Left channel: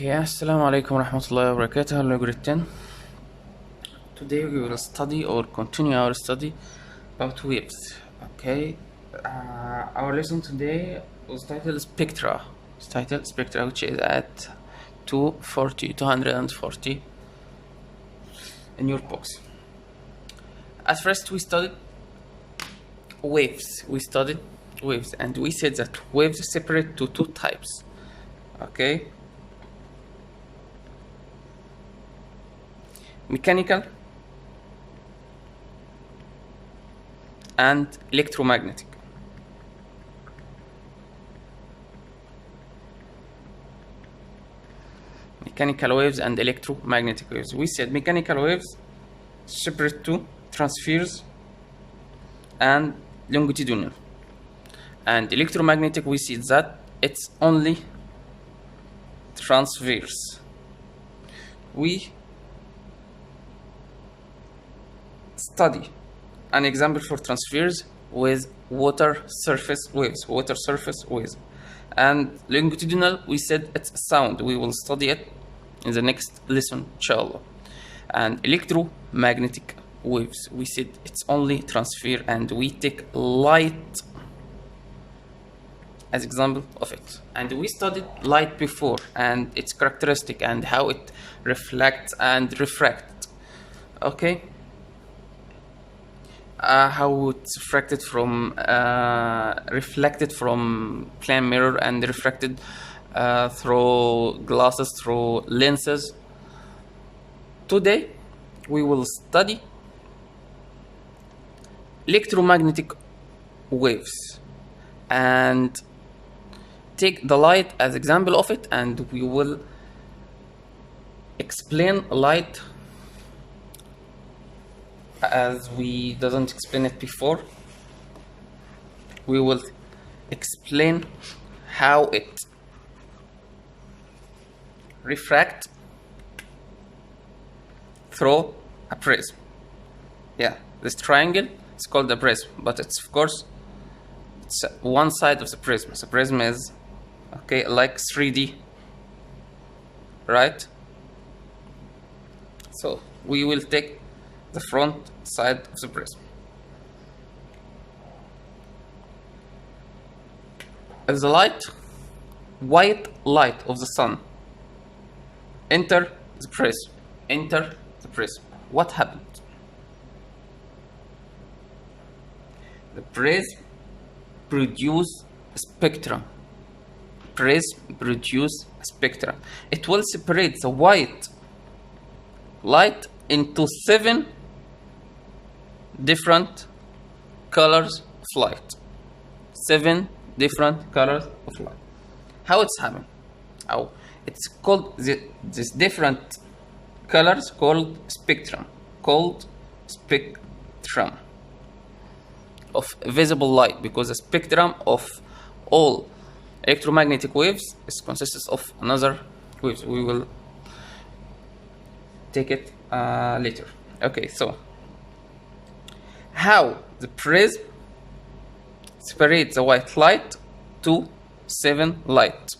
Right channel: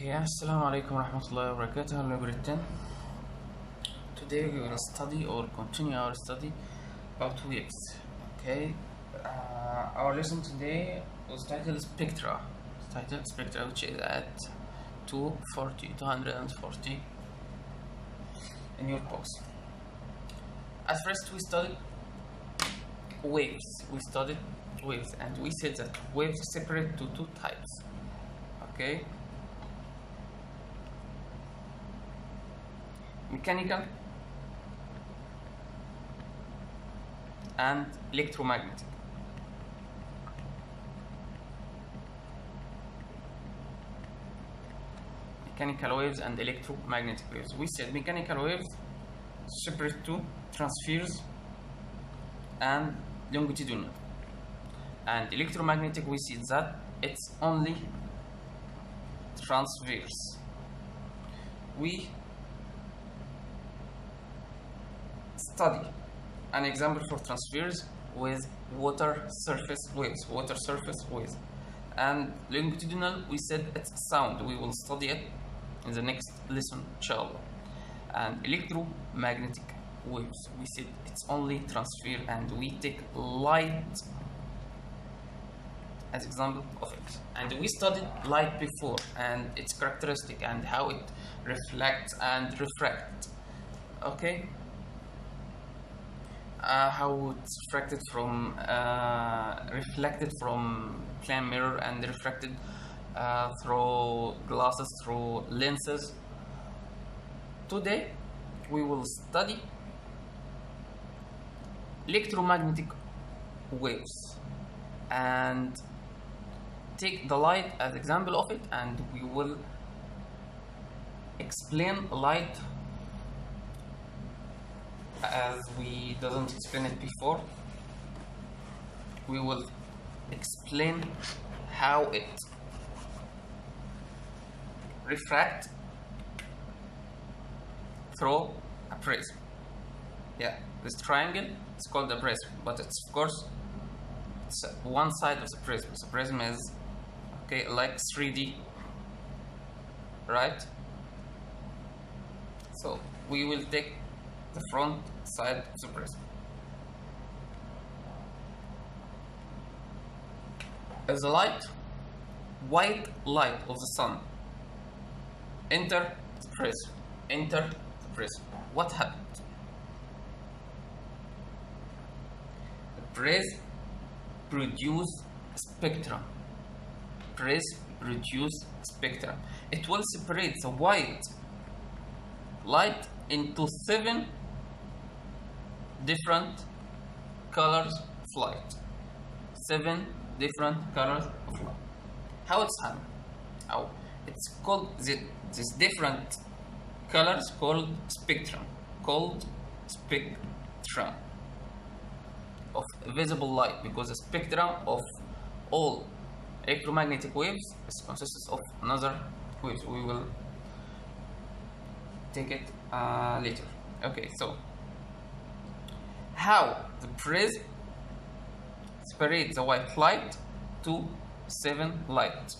Okay, assalamu alaikum warahmatullahi wabarakatuh. Hello, grade 10. Today we will study or continue our study about waves. Okay, our lesson today was titled Spectra. It's titled Spectra, which is at 240 in your box. At first, we studied waves. And we said that waves separate to two types. Okay. Mechanical and electromagnetic. Mechanical waves and electromagnetic waves. We said mechanical waves separate to transverse and longitudinal. And electromagnetic, we see that it's only transverse. We study an example for transverse with water surface waves, and longitudinal, we said it's sound. We will study it in the next lesson, inshallah. And electromagnetic waves, we said it's only transfer, and we take light as example of it. And we studied light before and its characteristic and how it reflects and refracts. Okay. How it's refracted from reflected from plane mirror and refracted through glasses, through lenses. Today we will study electromagnetic waves and take the light as example of it, and we will explain light as we doesn't explain it before. We will explain how it refract through a prism. Yeah, this triangle is called a prism, but it's of course it's one side of the prism. The prism is okay, like 3D, right? So we will take the front side of the prism. As the white light of the sun enter the prism, what happened? The prism produce a spectrum. It will separate the white light into 7 different colors of light. 7 different colors of light. How it's happening? How it's called this different colors called spectrum. Of visible light, because the spectrum of all electromagnetic waves consists of another waves. We will take it later. Okay, so how the prism separates the white light to 7 light.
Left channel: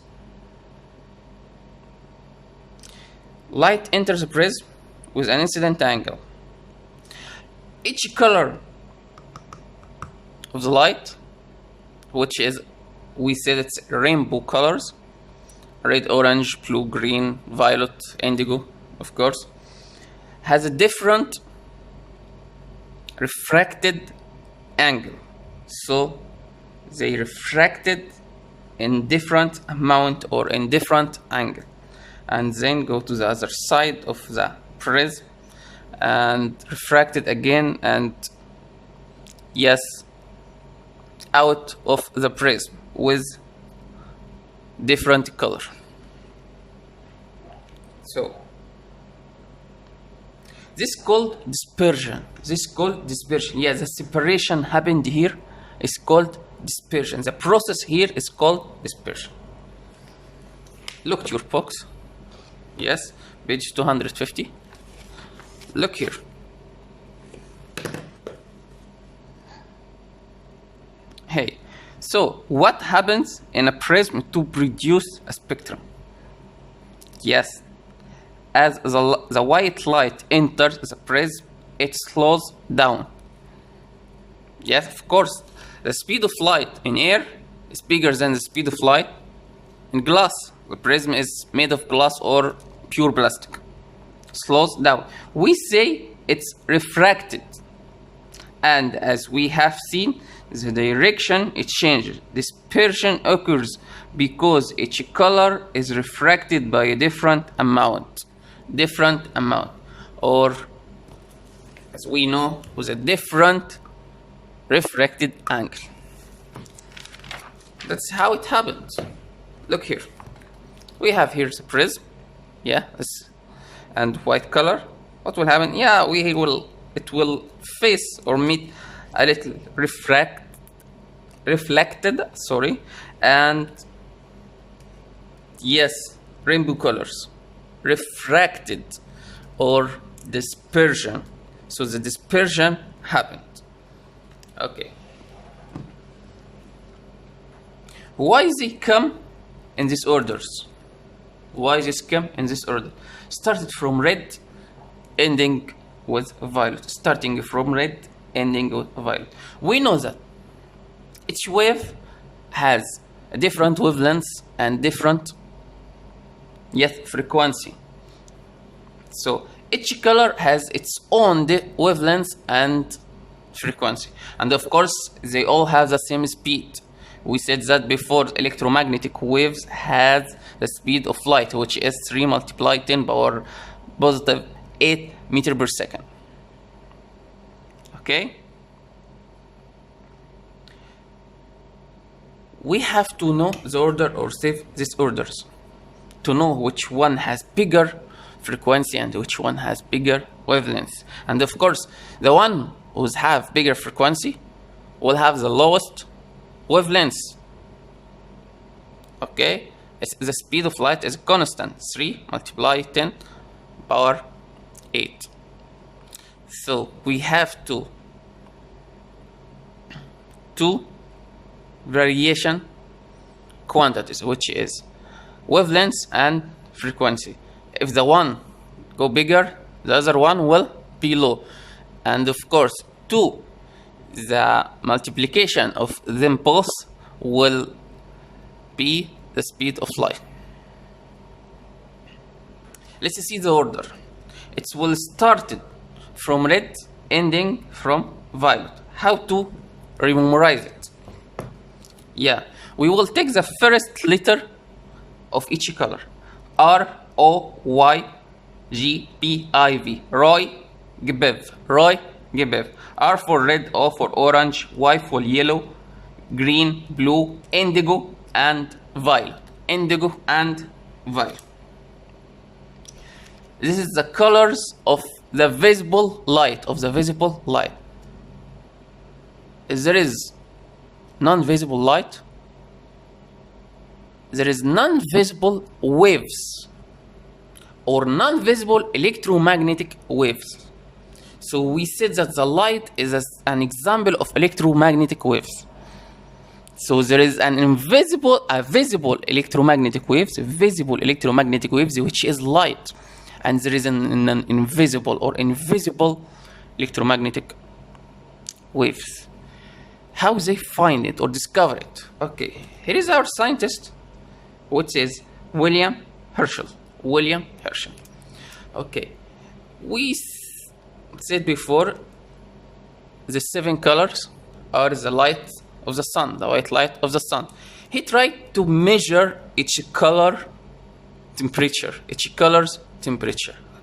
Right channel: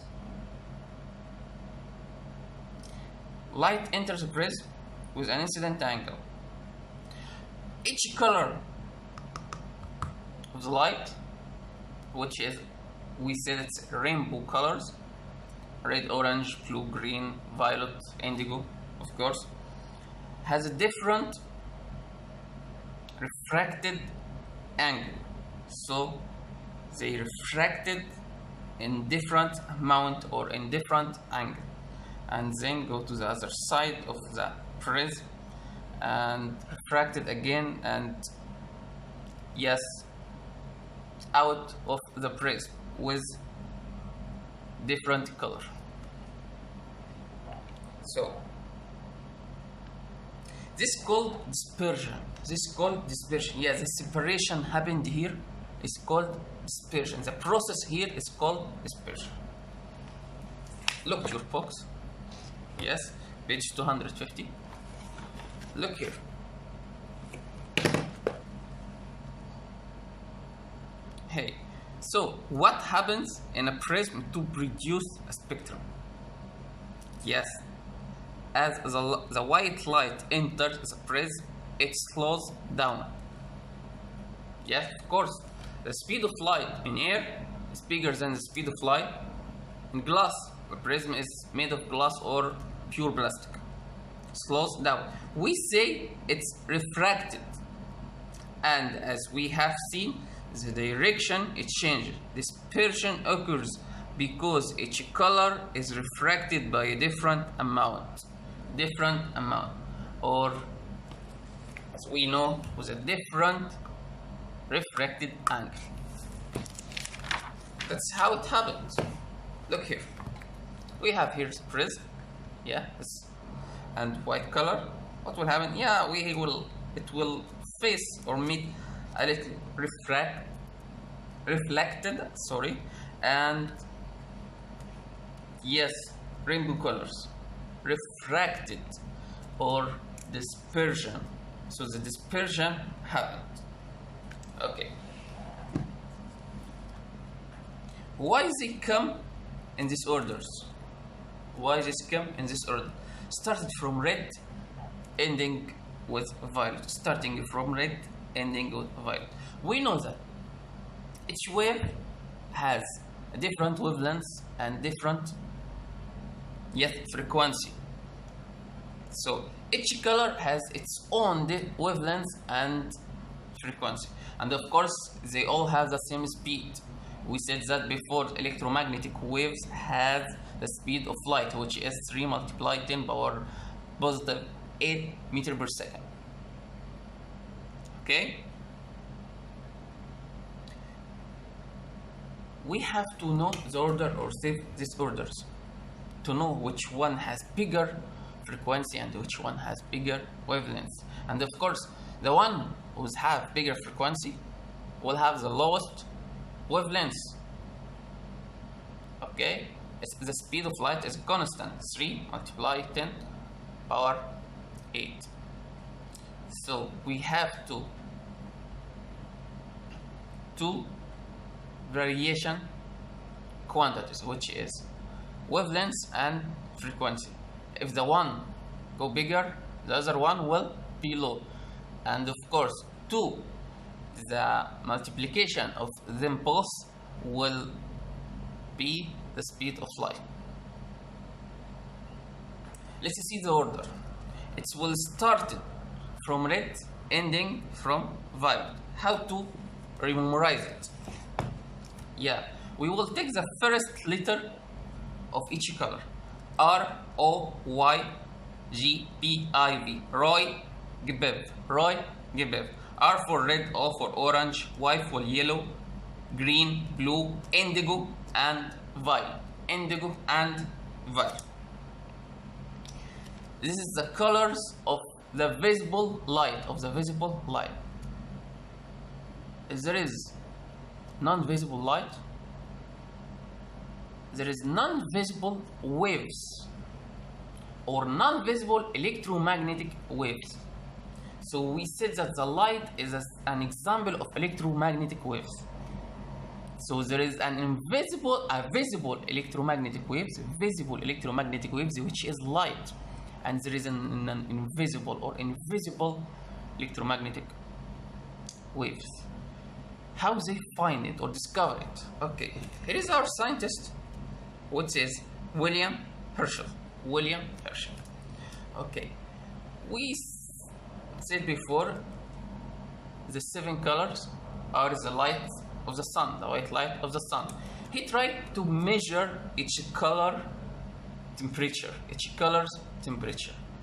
Light enters the prism with an incident angle. Each color of the light, which is, we said it's rainbow colors, red, orange, blue, green, violet, indigo, of course, has a different refracted angle. So they refracted in different amount or in different angle, and then go to the other side of the prism and refracted again, and yes, out of the prism with different color. So this is called dispersion. Yeah, the separation happened here is called dispersion. The process here is called dispersion. Look at your box. Yes, page 250. Look here. Hey, so what happens in a prism to produce a spectrum? Yes, as the white light enters the prism, it slows down. Yes, of course, the speed of light in air is bigger than the speed of light in glass. The prism is made of glass or pure plastic. Slows down. We say it's refracted. And as we have seen, the direction it changes. Dispersion occurs because each color is refracted by a different amount. Or as we know, with a different refracted angle. That's how it happens. Look here. We have here the prism. Yeah, and white color. What will happen? Yeah, it will face or meet a little reflected, and yes, rainbow colors, refracted or dispersion. So the dispersion happened. Okay. Why does it come in these orders? Started from red, ending with violet. Starting from red, ending with violet. We know that each wave has a different wavelength and different frequency. So each color has its own wavelength and frequency, and of course they all have the same speed. We said that before. Electromagnetic waves has the speed of light, which is 3 multiplied 10 power positive 8 meter per second. Okay, we have to know the order or save these orders to know which one has bigger frequency and which one has bigger wavelength. And of course, the one who have bigger frequency will have the lowest wavelength. Okay, the speed of light is constant, 3 multiplied 10 power 8. So we have two variation quantities, which is wavelength and frequency. If the one go bigger, the other one will be low. And of course, the multiplication of them both will be the speed of light. Let's see the order. It will start from red, ending from violet. How to memorize it? Yeah, we will take the first letter of each color. R, O, Y, G, P, I, V. Roy, Gbev. R for red, O for orange, Y for yellow, green, blue, indigo, and violet. This is the colors of the visible light. There is non-visible light. There is non-visible waves or non-visible electromagnetic waves. So we said that the light is an example of electromagnetic waves. So there is visible electromagnetic waves, which is light, and there is an invisible electromagnetic waves. How they find it or discover it? Okay, here is our scientist, which is William Herschel. Okay, we said before the 7 colors are the light of the sun, the white light of the sun. He tried to measure each color's temperature.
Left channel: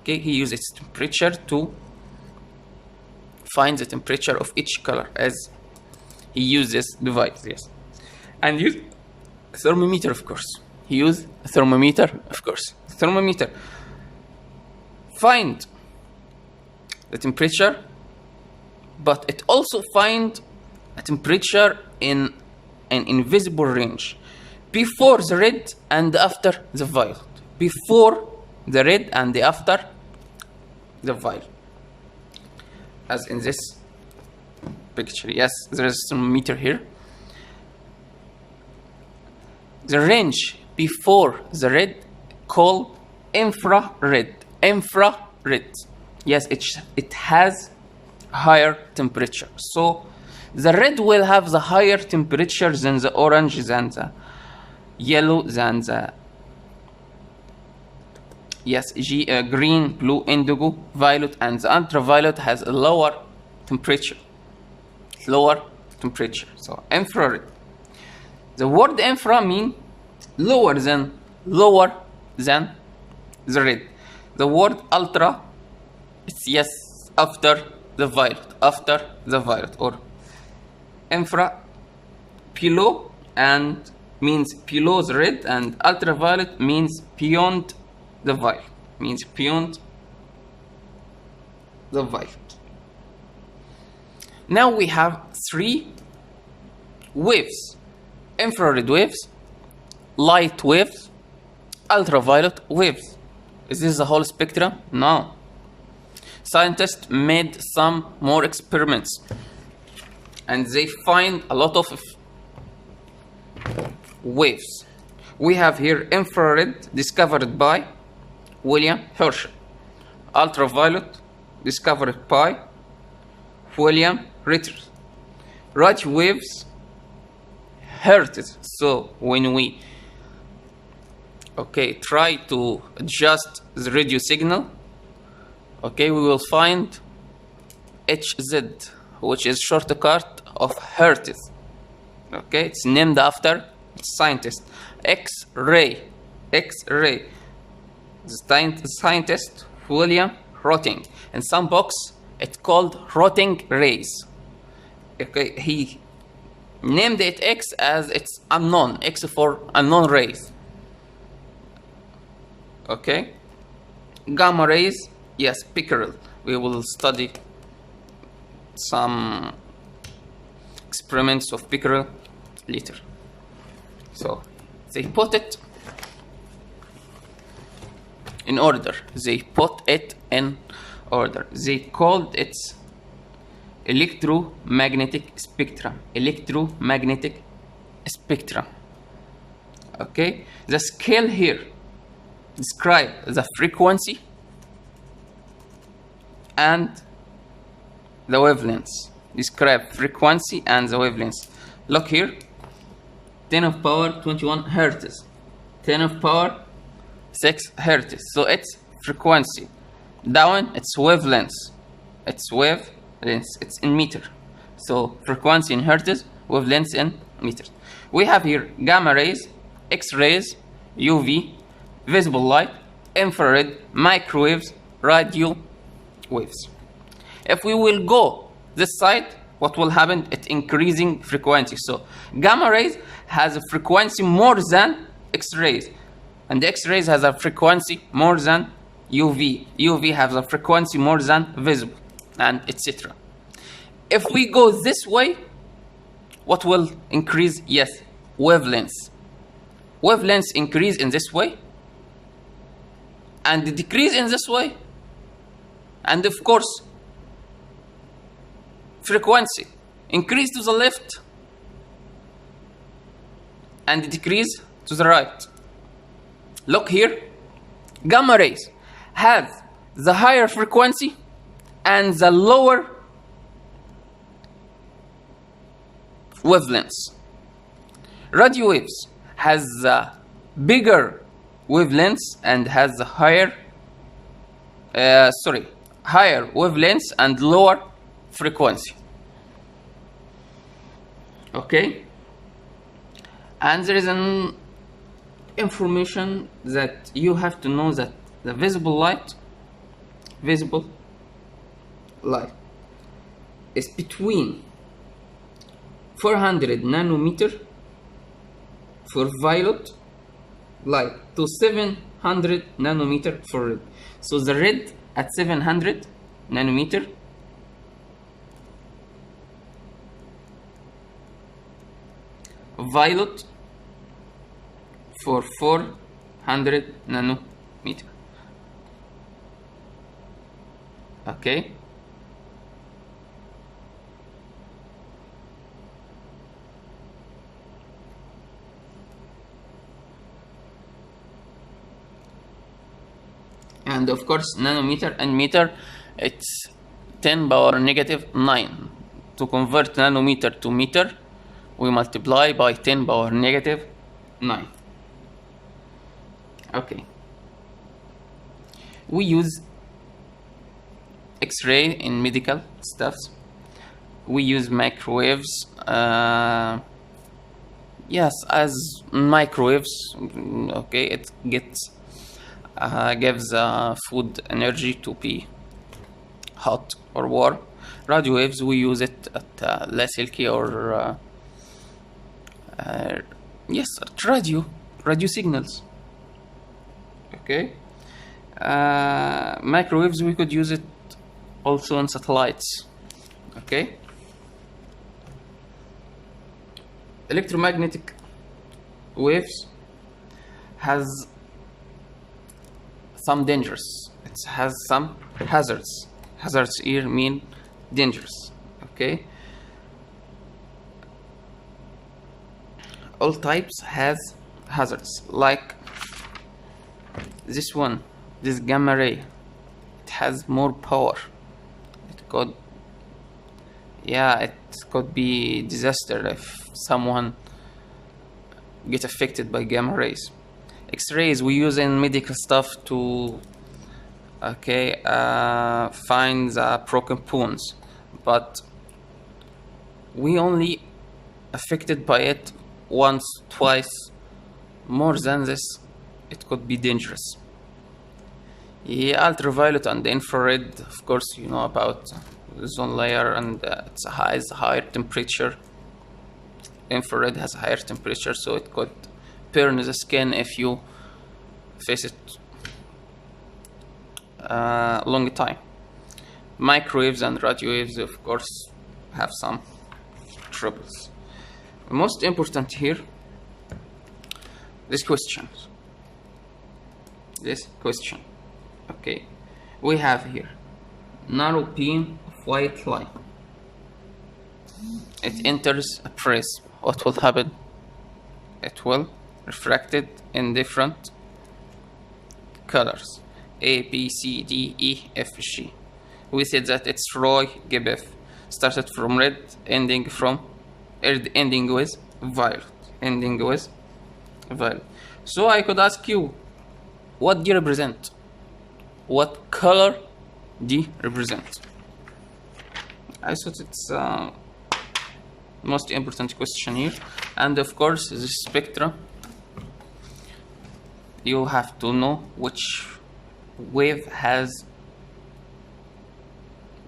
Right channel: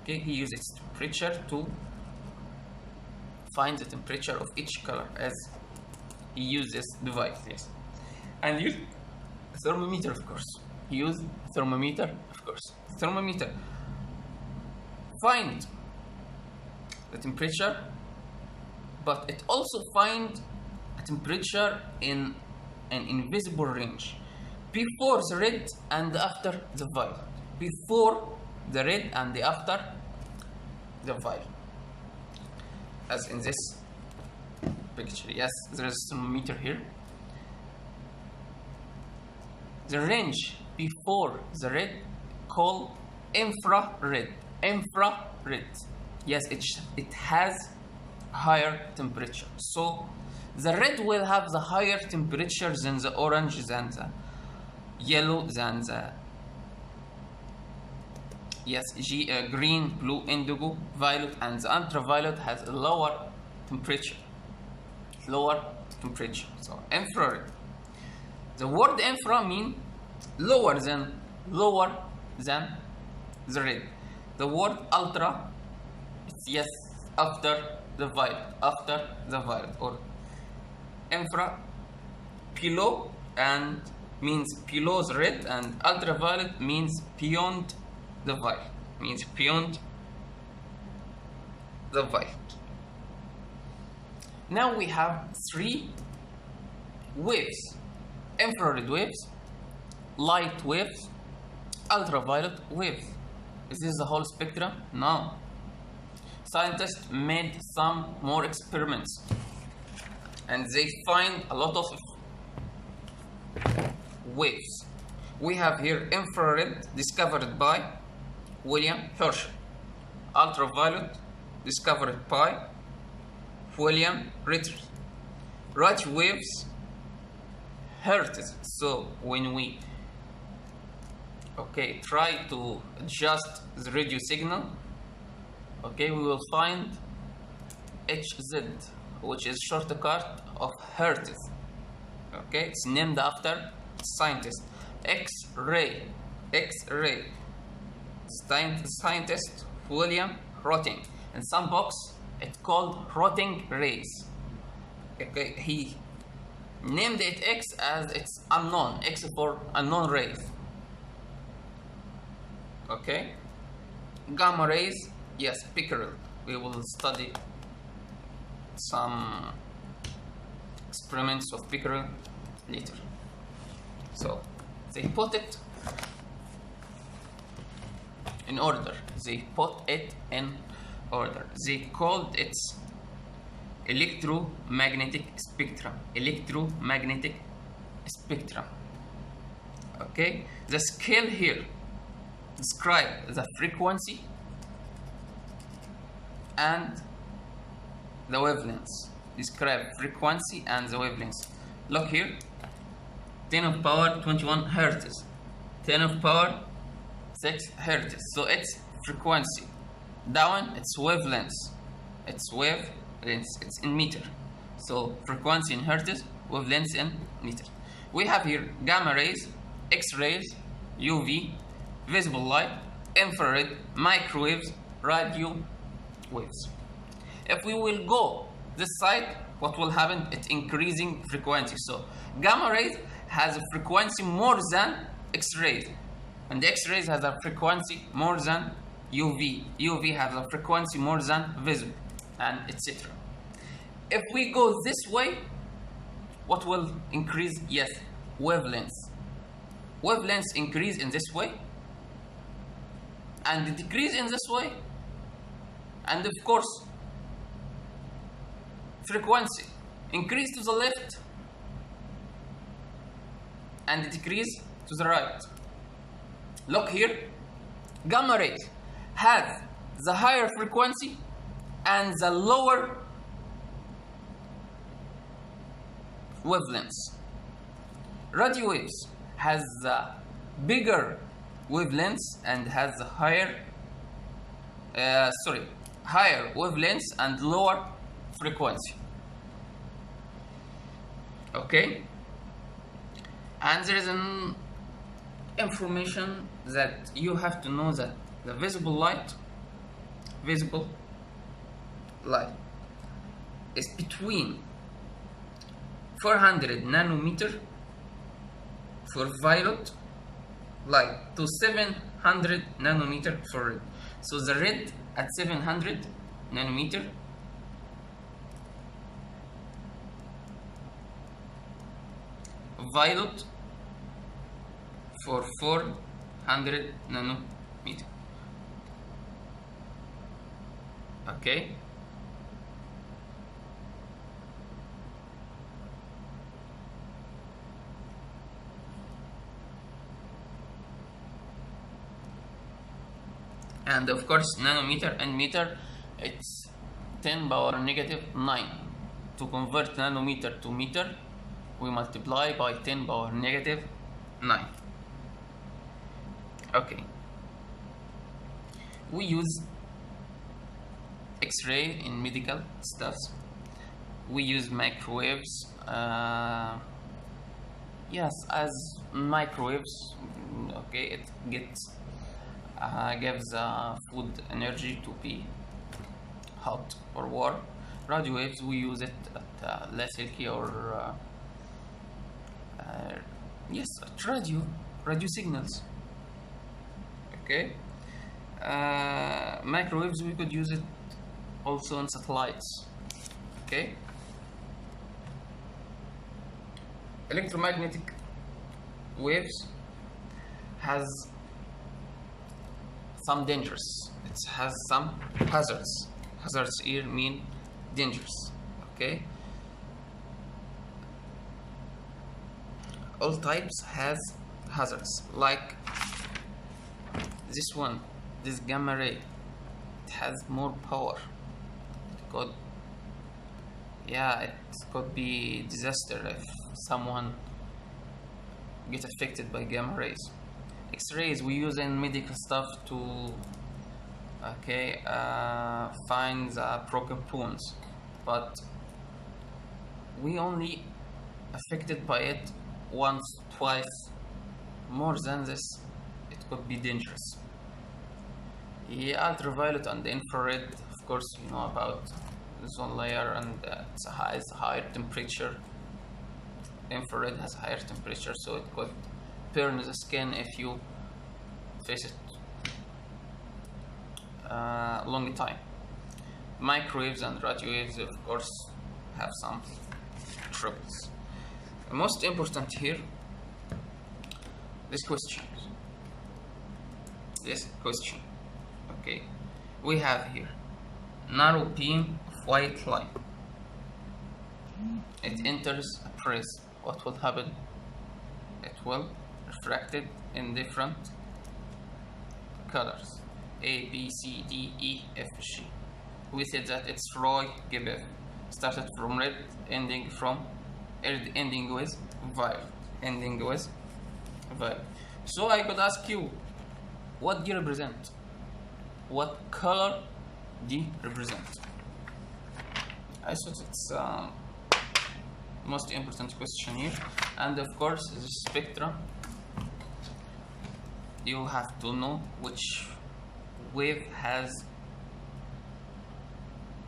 Okay, he used its temperature to find the temperature of each color as he used this device. Yes, and use a thermometer, of course. Thermometer find the temperature, but it also find a temperature in an invisible range before the red and after the violet. As in this picture. Yes, there is a thermometer here. The range before the red called infrared. Infrared. Yes, it has higher temperature. So the red will have the higher temperature than the orange, than the yellow, than the green, blue, indigo, violet, and the ultraviolet has a lower temperature. Lower temperature. So infrared. The word infra mean lower than the red. The word ultra, it's after the violet, or infra below, and means below the red, and ultraviolet means beyond the violet, Now we have 3 waves: infrared waves, light waves, ultraviolet waves. Is this the whole spectrum? No. Scientists made some more experiments and they find a lot of waves. We have here infrared, discovered by William Herschel. Ultraviolet, discovered by William Ritter. Radio waves, hertz. So when we try to adjust the radio signal, we will find Hz, which is shortcut of hertz. It's named after scientist. X-ray. The scientist William Röntgen. In some books, it's called Röntgen rays. He named it X as it's unknown. X for unknown rays. Gamma rays, yes, pickerel. We will study some experiments of pickerel later. So they put it in order. They called it electromagnetic spectrum. The scale here describe the frequency and the wavelengths. Look here, 10 of power 21 hertz, 10 of power 6 hertz. So it's frequency. Down, it's wavelengths. It's in meter. So frequency in hertz, wavelengths in meters. We have here gamma rays, X-rays, UV, visible light, infrared, microwaves, radio waves. If we will go this side, what will happen? It's increasing frequency. So gamma rays has a frequency more than X-rays, and X-rays has a frequency more than UV. UV has a frequency more than visible, and etc. If we go this way, what will increase? Yes, wavelengths. Wavelengths increase in this way and decrease in this way, and of course frequency increase to the left and decrease to the right. Look here, gamma rays have the higher frequency and the lower wavelengths. Radio waves has the bigger wavelengths and has the higher wavelengths and lower frequency. And there is an information that you have to know, that the visible light is between 400 nanometer for violet light to 700 nanometer for red. So the red at 700 nanometer, violet for 400 nanometer. And of course, nanometer and meter, it's 10 power negative 9. To convert nanometer to meter, we multiply by 10 power negative 9. Okay. We use X-ray in medical stuffs. We use microwaves. Yes, as microwaves. Okay, it gives food energy to be hot or warm. Radio waves, we use it at less silky or yes, at radio signals. Okay. Microwaves, we could use it also on satellites. Okay. Electromagnetic waves has some dangers. It has some hazards. Hazards here mean dangerous. Okay. All types has hazards, like this one, this gamma ray. It has more power. It could, yeah, it could be disaster if someone get affected by gamma rays. X-rays we use in medical stuff to find the broken bones, but we only affected by it once, twice. More than this, it could be dangerous. Yeah, ultraviolet and infrared, of course, you know about the ozone layer, and it has higher temperature. Infrared has higher temperature, so it could burn the skin if you face it long time. Microwaves and radio waves, of course, have some troubles. The most important here, this question. Okay, we have here narrow beam of white light. It enters a prism. What will happen? It will refracted in different colors: A, B, C, D, E, F, G. We said that it's Roy Gibbeth, started from red, ending with violet. So I could ask you, what D represent? What color D represent? I thought it's most important question here. And of course, the spectra, you have to know which wave has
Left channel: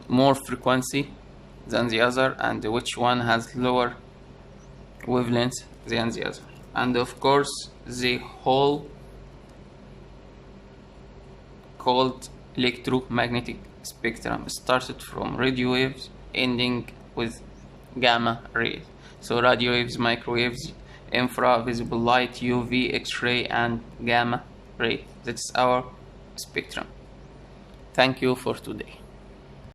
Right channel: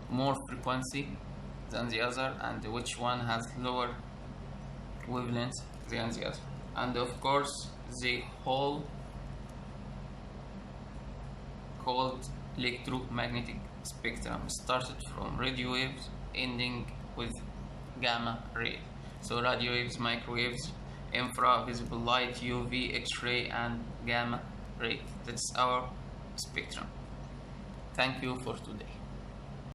more frequency than the other, and which one has lower wavelength than the other. And of course, the whole called electromagnetic spectrum started from radio waves ending with gamma rays. So radio waves, microwaves, infra, visible light, UV, X-ray, and gamma ray. That's our spectrum. Thank you for today.